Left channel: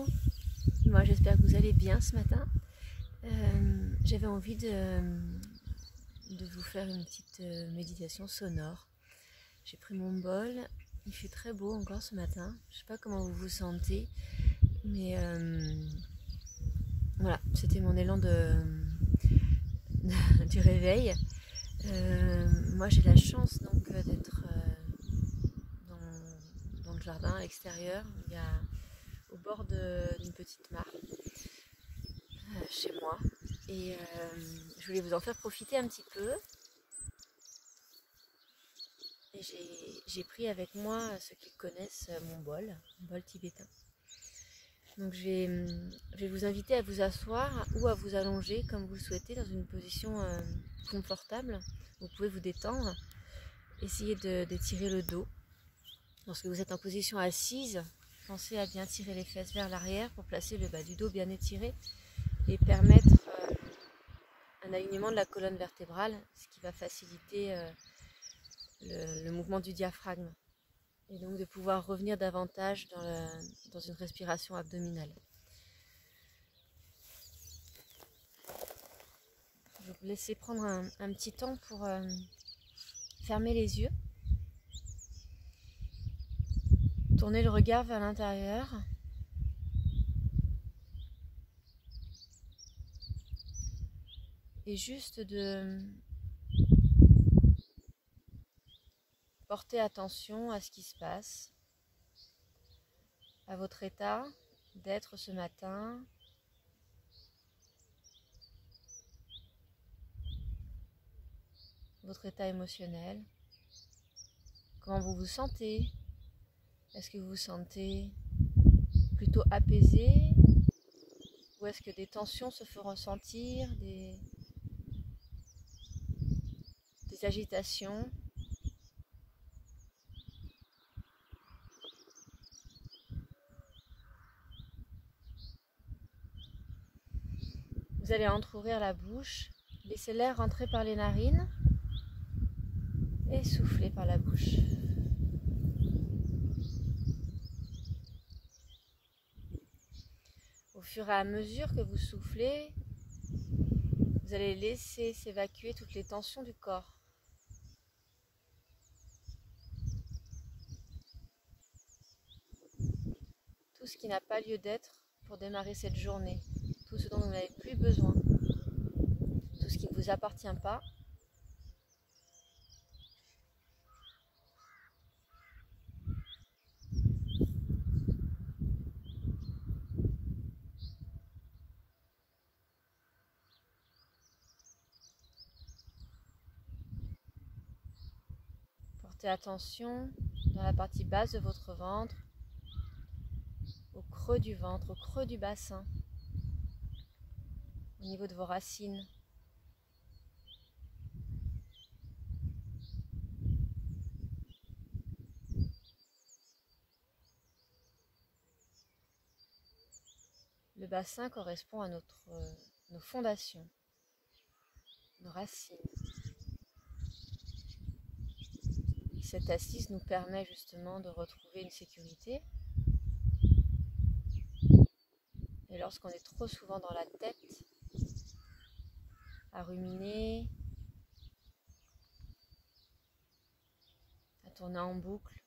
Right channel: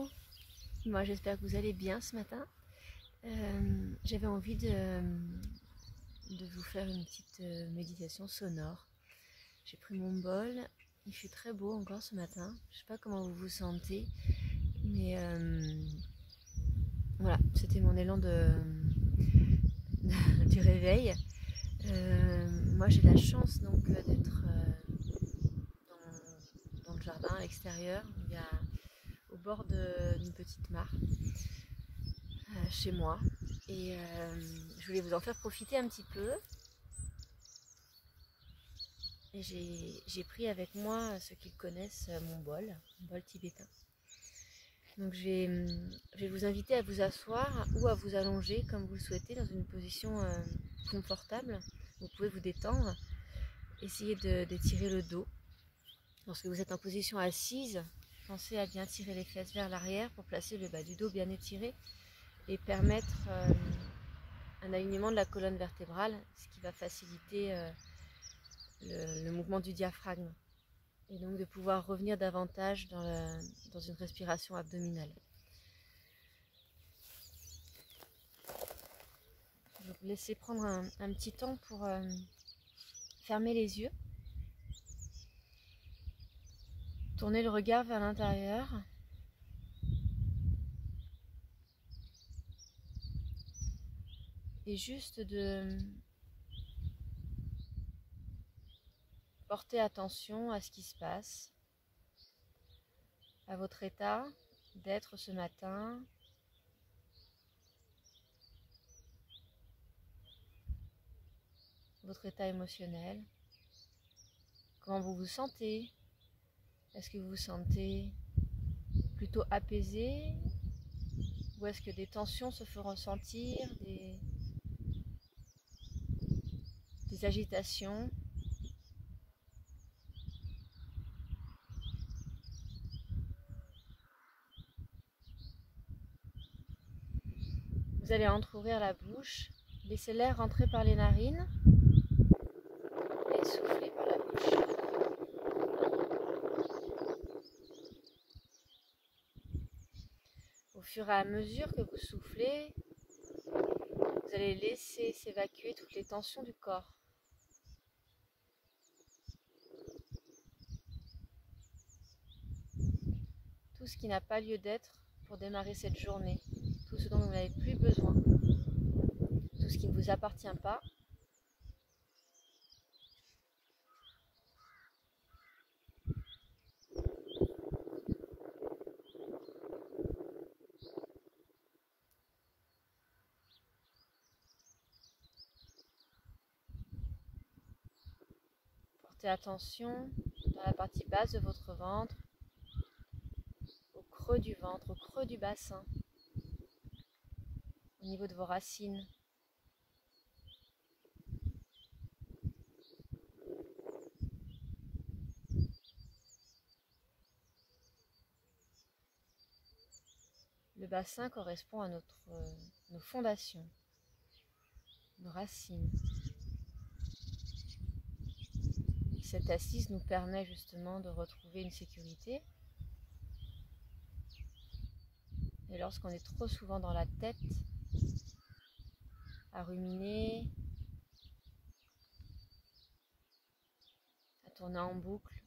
Bonjour, moi j'espère que vous allez bien ce matin. J'avais envie de vous faire une petite méditation sonore. J'ai pris mon bol, il fait très beau encore ce matin. Je ne sais pas comment vous vous sentez, mais voilà, c'était mon élan du réveil. Moi j'ai la chance donc d'être dans le jardin à l'extérieur. Il y a au bord d'une petite mare chez moi et je voulais vous en faire profiter un petit peu et j'ai pris avec moi ceux qui connaissent mon bol tibétain. Donc je vais vous inviter à vous asseoir ou à vous allonger comme vous le souhaitez dans une position confortable. Vous pouvez vous détendre, essayez d'étirer le dos. Lorsque vous êtes en position assise, pensez à bien tirer les fesses vers l'arrière pour placer le bas du dos bien étiré et permettre un alignement de la colonne vertébrale, ce qui va faciliter le mouvement du diaphragme et donc de pouvoir revenir davantage dans une respiration abdominale. Je vais vous laisser prendre un petit temps pour fermer les yeux, tourner le regard vers l'intérieur. Et juste de porter attention à ce qui se passe, à votre état d'être ce matin, votre état émotionnel, comment vous vous sentez. Est-ce que vous vous sentez plutôt apaisé ou est-ce que des tensions se font ressentir, des agitations? Vous allez entrouvrir la bouche, laissez l'air rentrer par les narines et souffler par la bouche. Au fur et à mesure que vous soufflez, vous allez laisser s'évacuer toutes les tensions du corps. Tout ce qui n'a pas lieu d'être pour démarrer cette journée, tout ce dont vous n'avez plus besoin, tout ce qui ne vous appartient pas. Portez attention dans la partie basse de votre ventre, au creux du ventre, au creux du bassin, au niveau de vos racines. Le bassin correspond à nos fondations, nos racines. Cette assise nous permet justement de retrouver une sécurité. Et lorsqu'on est trop souvent dans la tête, à ruminer, à tourner en boucle,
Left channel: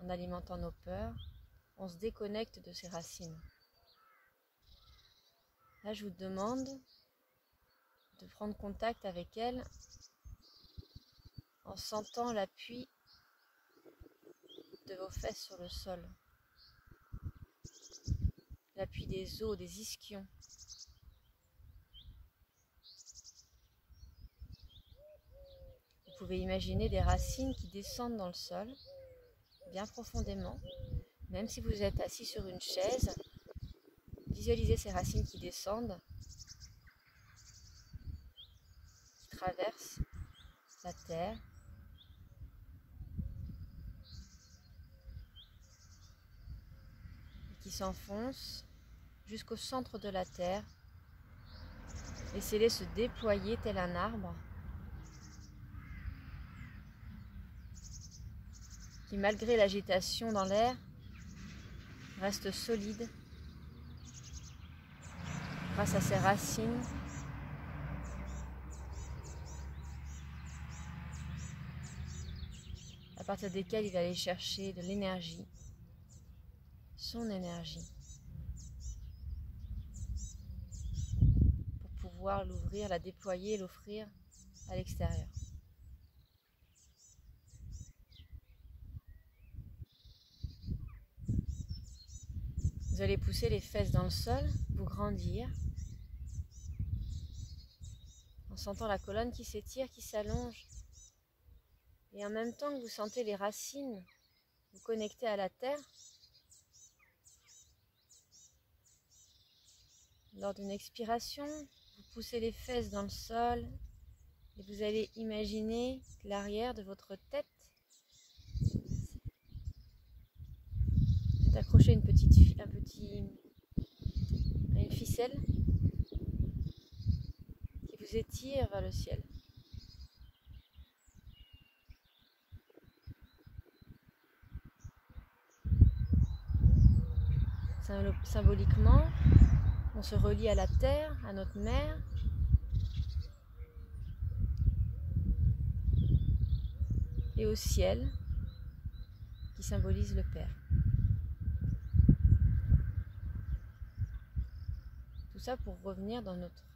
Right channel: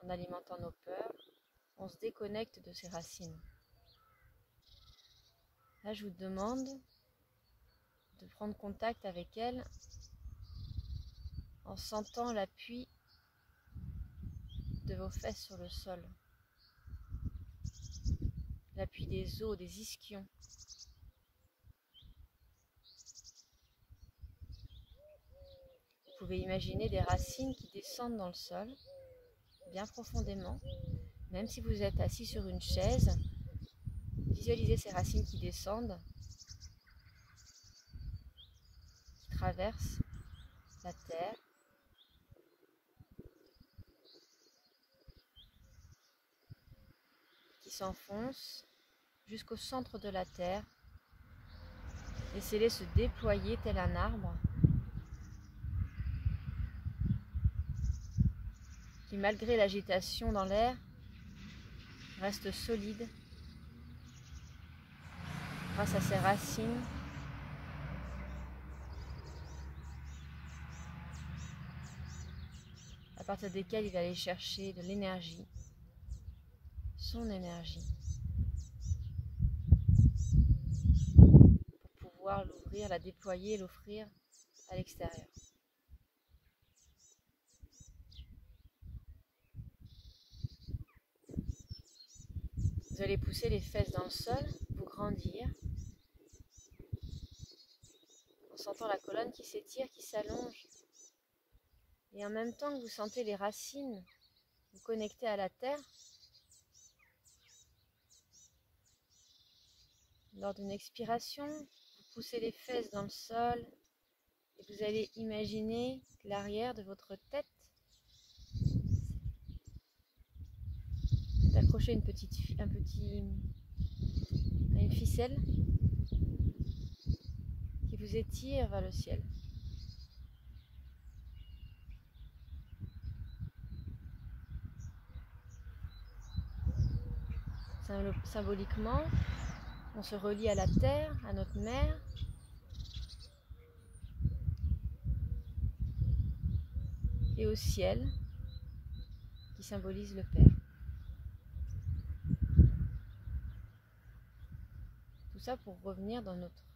en alimentant nos peurs, on se déconnecte de ses racines. Là, je vous demande de prendre contact avec elles en sentant l'appui de vos fesses sur le sol, l'appui des os, des ischions. Vous pouvez imaginer des racines qui descendent dans le sol, bien profondément. Même si vous êtes assis sur une chaise, visualisez ces racines qui descendent, qui traversent la terre, qui s'enfoncent jusqu'au centre de la terre. Laissez-les se déployer tel un arbre qui, malgré l'agitation dans l'air, reste solide grâce à ses racines. À partir desquelles il va aller chercher de l'énergie, son énergie, pour pouvoir l'ouvrir, la déployer et l'offrir à l'extérieur. Vous allez pousser les fesses dans le sol, vous grandir, en sentant la colonne qui s'étire, qui s'allonge. Et en même temps que vous sentez les racines vous connecter à la terre, lors d'une expiration, vous poussez les fesses dans le sol et vous allez imaginer que l'arrière de votre tête est accroché à une ficelle qui vous étire vers le ciel. Symboliquement, on se relie à la terre, à notre mère, et au ciel, qui symbolise le Père. Tout ça pour revenir dans notre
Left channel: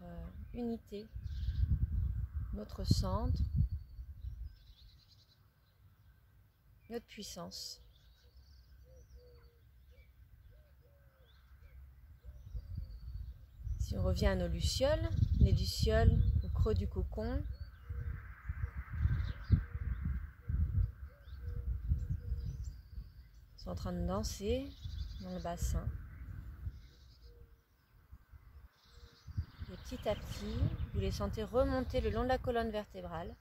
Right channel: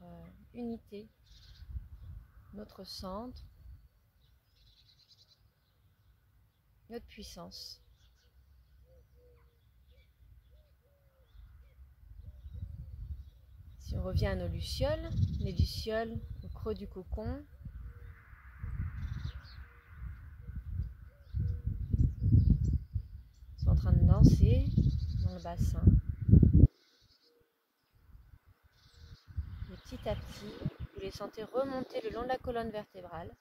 unité, notre centre, notre puissance. Si on revient à nos lucioles, les lucioles au creux du cocon, sont en train de danser dans le bassin. Et petit à petit, vous les sentez remonter le long de la colonne vertébrale.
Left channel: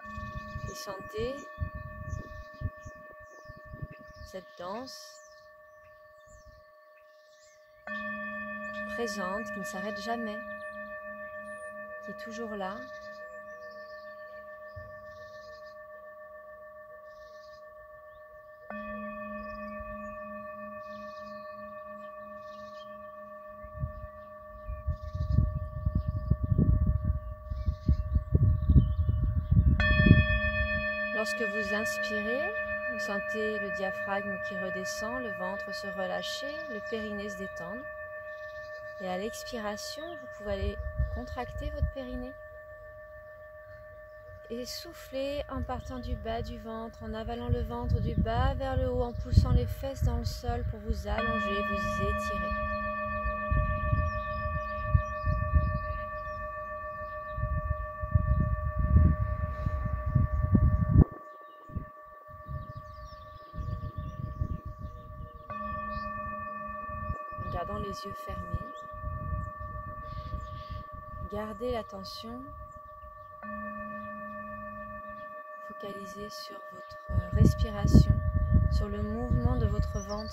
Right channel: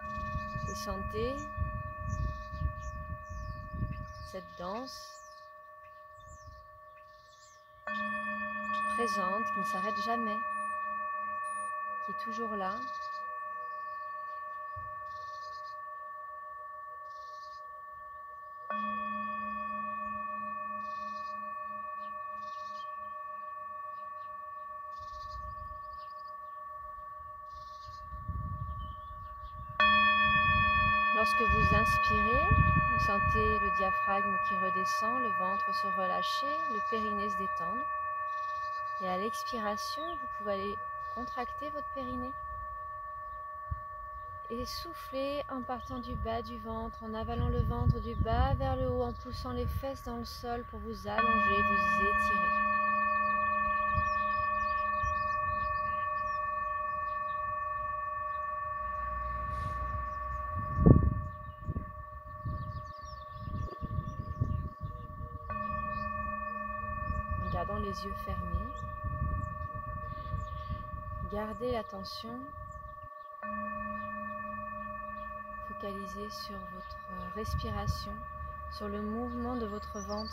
Et sentez cette danse présente, qui ne s'arrête jamais, qui est toujours là. Lorsque vous inspirez, vous sentez le diaphragme qui redescend, le ventre se relâcher, le périnée se détendre. Et à l'expiration, vous pouvez aller contracter votre périnée et souffler en partant du bas du ventre, en avalant le ventre du bas vers le haut, en poussant les fesses dans le sol pour vous allonger, vous étirer. En gardant les yeux fermés, gardez l'attention focalisée sur votre respiration, sur le mouvement de votre ventre.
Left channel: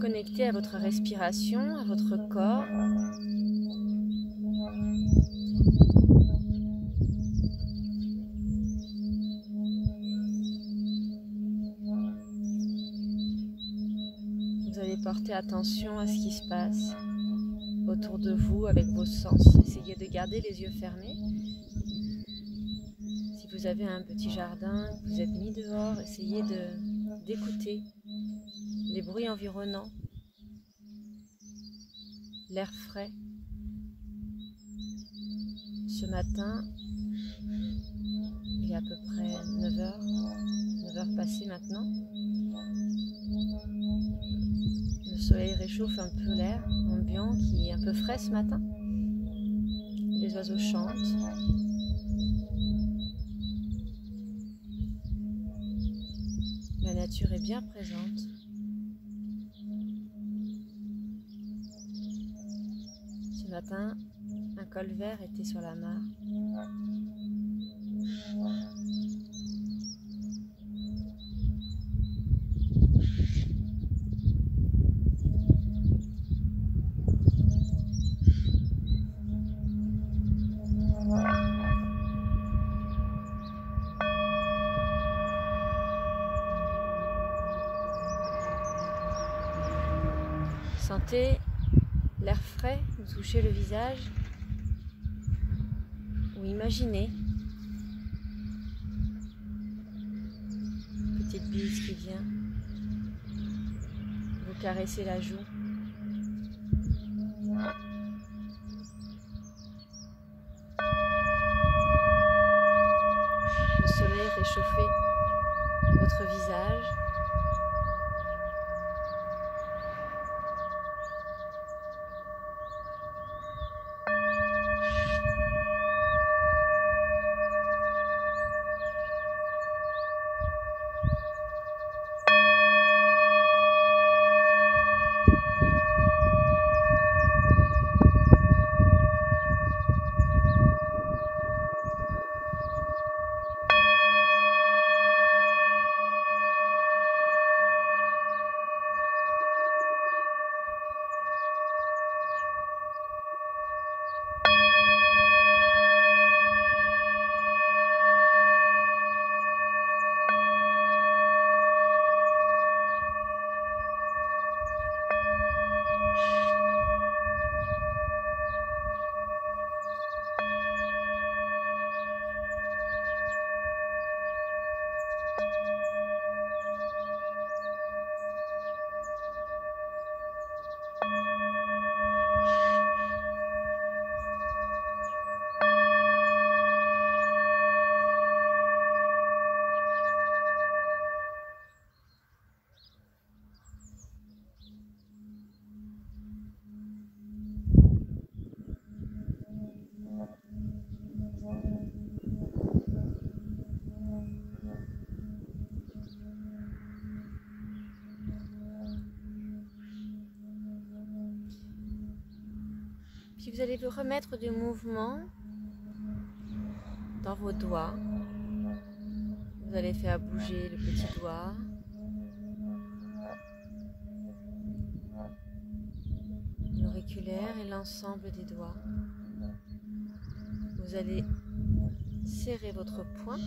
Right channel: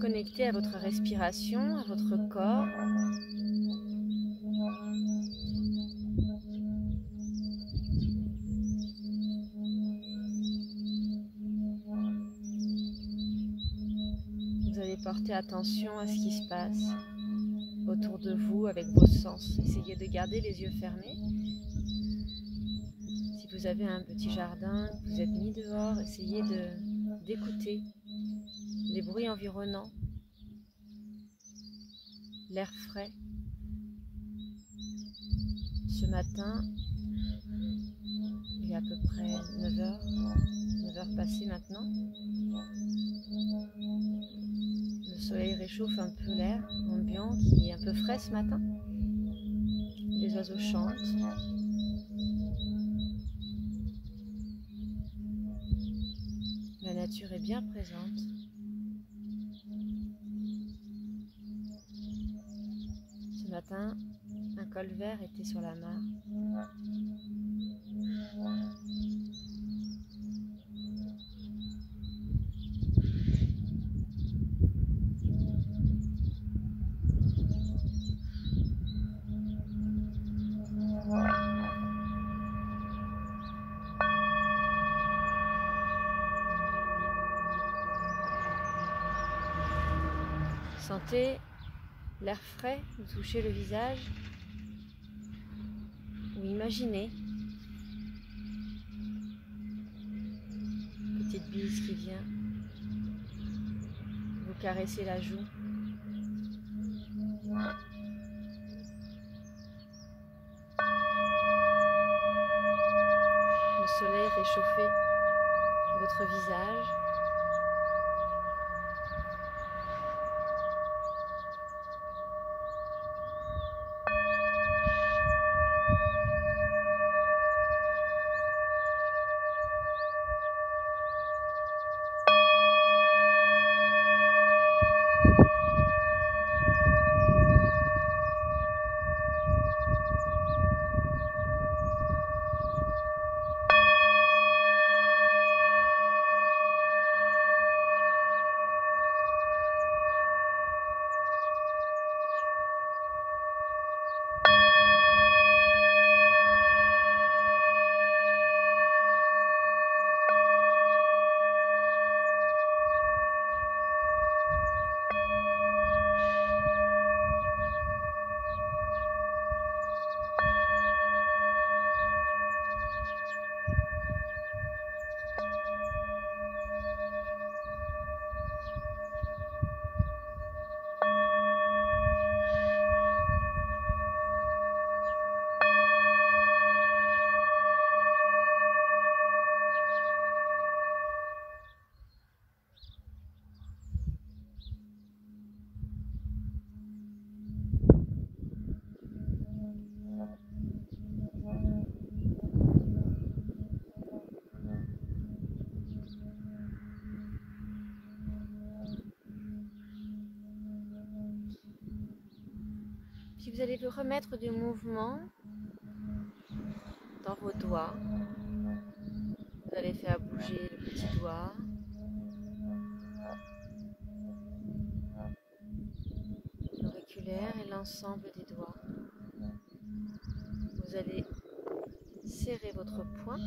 Connectez à votre respiration, à votre corps. Vous allez porter attention à ce qui se passe autour de vous avec vos sens. Essayez de garder les yeux fermés. Si vous avez un petit jardin, que vous êtes mis dehors, essayez d'écouter les bruits environnants, l'air frais. Ce matin, il est à peu près 9h passées maintenant. Le soleil réchauffe un peu l'air ambiant qui est un peu frais ce matin. Les oiseaux chantent. La nature est bien présente. Ce matin, un colvert était sur la mare. Sentez l'air frais vous toucher le visage ou imaginez une petite bise qui vient vous caresser la joue. Le soleil réchauffer votre visage. Puis vous allez vous remettre du mouvement dans vos doigts. Vous allez faire bouger le petit doigt. L'auriculaire et l'ensemble des doigts. Vous allez serrer votre poing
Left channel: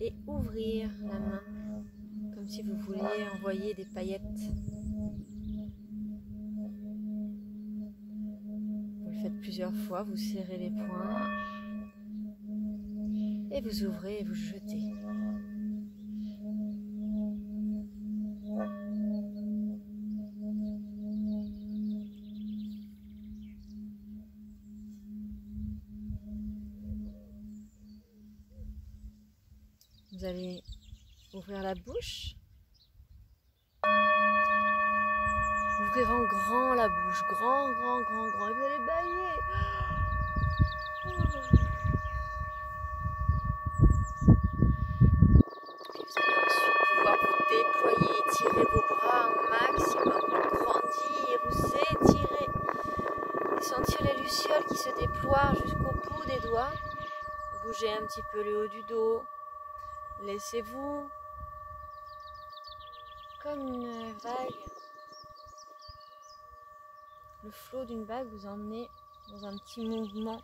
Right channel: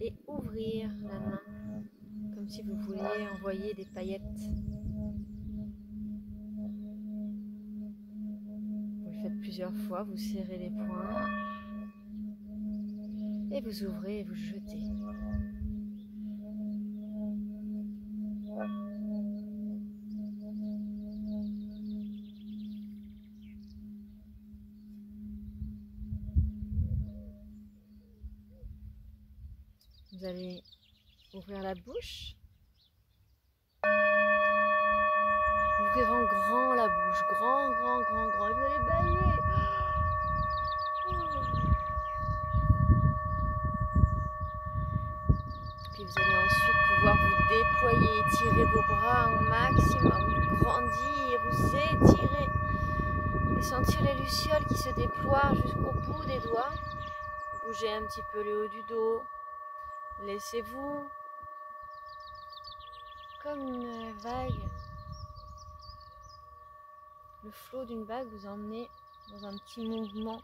et ouvrir la main comme si vous vouliez envoyer des paillettes. Vous le faites plusieurs fois, vous serrez les poings et vous ouvrez et vous jetez. Vous allez ouvrir la bouche, ouvrir en grand la bouche, grand, et vous allez bâiller. Puis vous allez ensuite pouvoir vous déployer, étirer vos bras au maximum, grandir ou s'étirer et sentir les lucioles qui se déploient jusqu'au bout des doigts. Bougez un petit peu le haut du dos. Laissez-vous comme une vague, le flot d'une vague vous emmenez dans un petit mouvement.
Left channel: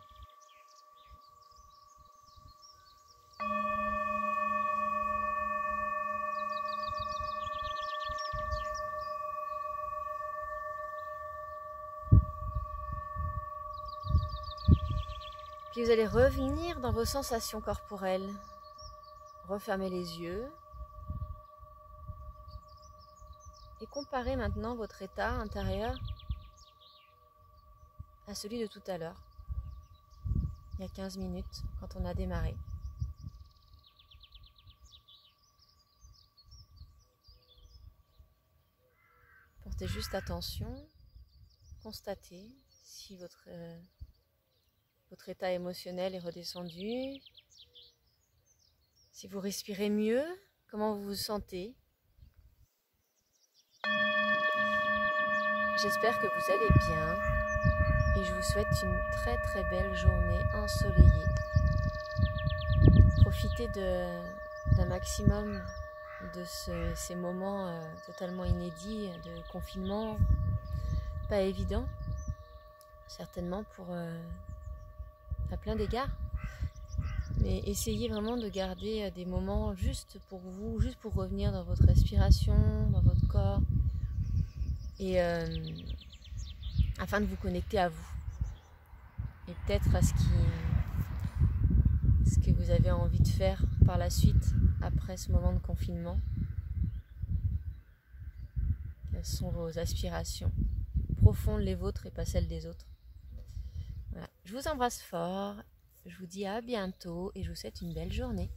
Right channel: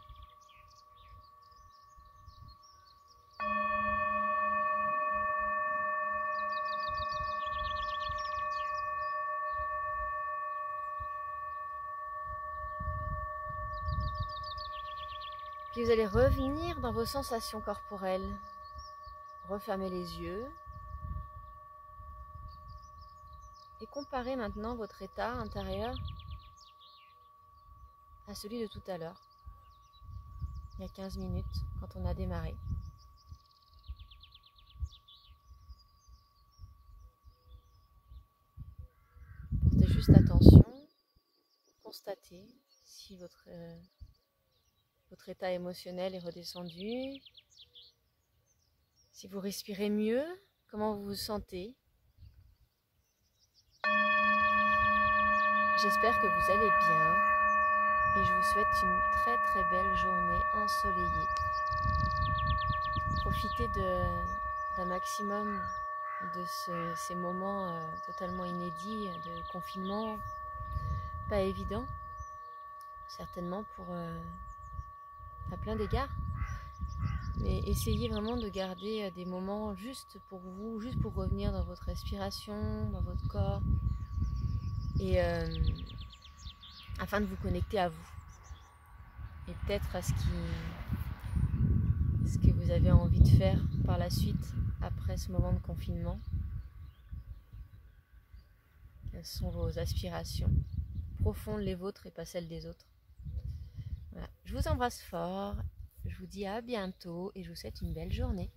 Puis vous allez revenir dans vos sensations corporelles. Refermez les yeux. Et comparez maintenant votre état intérieur à celui de tout à l'heure, il y a 15 minutes, quand on a démarré. Portez juste attention, constatez si votre état émotionnel est redescendu, si vous respirez mieux, comment vous vous sentez. J'espère que vous allez bien et je vous souhaite une très très belle journée ensoleillée. Profitez d'un maximum de ces moments totalement inédits de confinement, pas évident, certainement à plein d'égards. Mais essayez vraiment de garder des moments juste pour vous, juste pour revenir dans votre respiration, dans votre corps, et afin de vous connecter à vous et peut-être à ce que vous avez envie de faire par la suite après ce moment de confinement. Quelles sont vos aspirations profondes, les vôtres et pas celles des autres. Voilà. Je vous embrasse fort, je vous dis à bientôt et je vous souhaite une belle journée.